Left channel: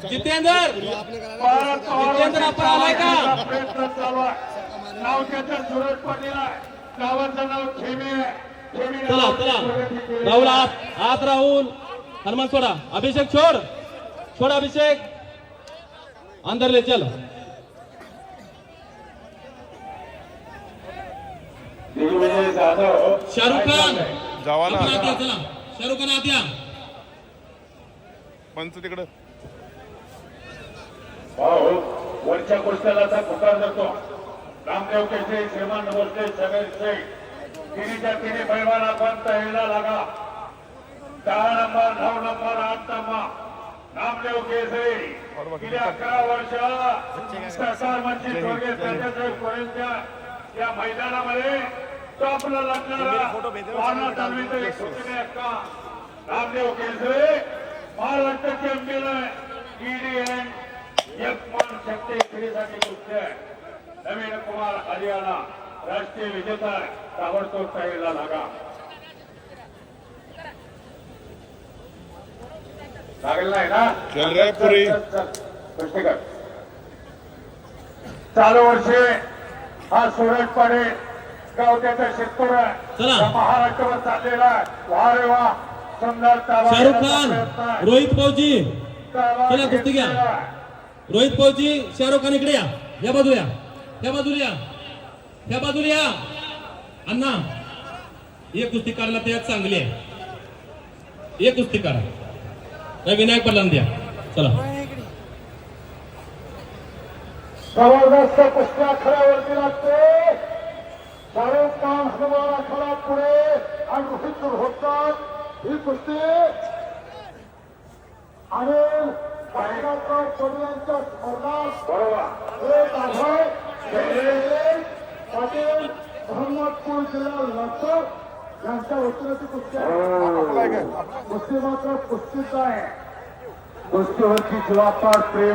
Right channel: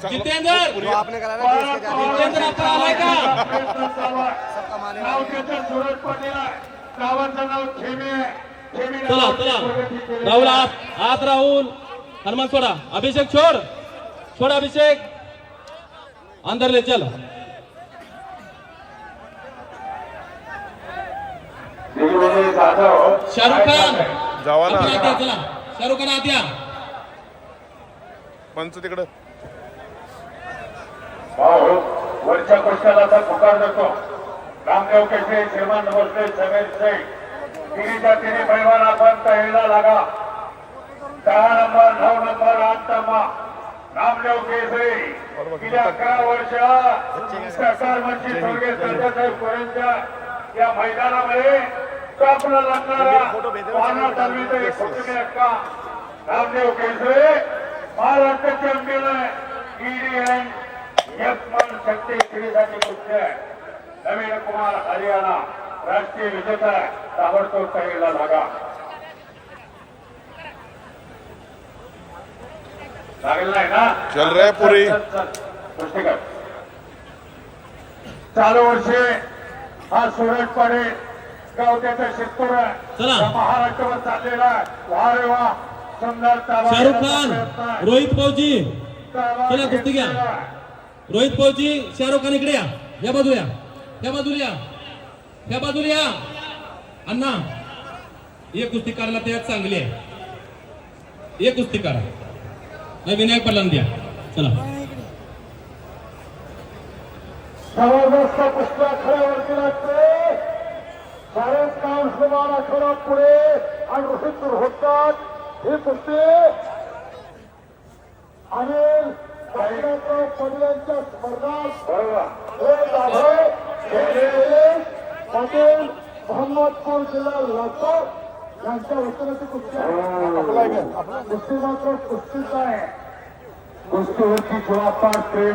जितेंद्र जितेंद्र आपण आलाय का? नाव त्याचं सुरज पाटील आहे. गावाचं नाव खेमे आहे. चला चला राहुल आत राहुल हनुमान सोडा. अभिषेक छोड़ अभिषेक अंदर ले चल. शाहरुख खान आपण आत या. चला शाहरुख खान आत या. पंच तिकडं वरच्या गोष्टीला तर पुकार देतो. रामदेव केसरी श्रीमान भोसले सगळे तिन्हीच्या तिन्ही पैलवान आपण तयारीला लागा. 10 नंबर 9 नंबर 8 नंबर रामदेव केसरी गेल्या 11 वर्ष सरकार मंत्री स्वर्गीय संजयसाहेब पुरेंच्या या मैदानामध्ये टॉपला लागणारा वाहना चालवीचा एक कुटुंबी हक्का रामदेव केसरी महाराष्ट्र चॅम्पियन ईडीएन यपमन शक्ती श्रीसाठी कुस्ती आहे. नवीन कुमार हरियाणा राष्ट्रीय विजेता आहे. ताबडतोब तयारीला लागा. लागेल नाही ना? चल रे पुरी. कुस्ती कर. चालू वर्षी हा सूरज पाडे गाव त्याचा शेतकरी चला. महाराष्ट्रावर चाललेला आहे. वा रे वा सुंदर ताबा शाहरुख खान रोहित फौजी चला कुस्ती घ्या. रोहित फौजी शाहरुख खान इकडे या बाजूला या बाजूला या अण्णा. एक कुस्ती काढला त्यात चांगली आहे. एक कुस्ती काढा. विनायक पडला द्या. चला जबरदस्त कुस्ती आखाड्यावरती लागते. शाहरुख खान हनुमान आखाडा पुढे आणि रोहित होतात ही कुस्ती आणि पडल्यांच्या स्पर्धात पाटील मोहम्मदपूर जिल्हा लातूर यांच्या वतीने कुस्ती आहे. कुस्ती मात्र कुस्तीच आहे. कुस्तीवरची जबाबदार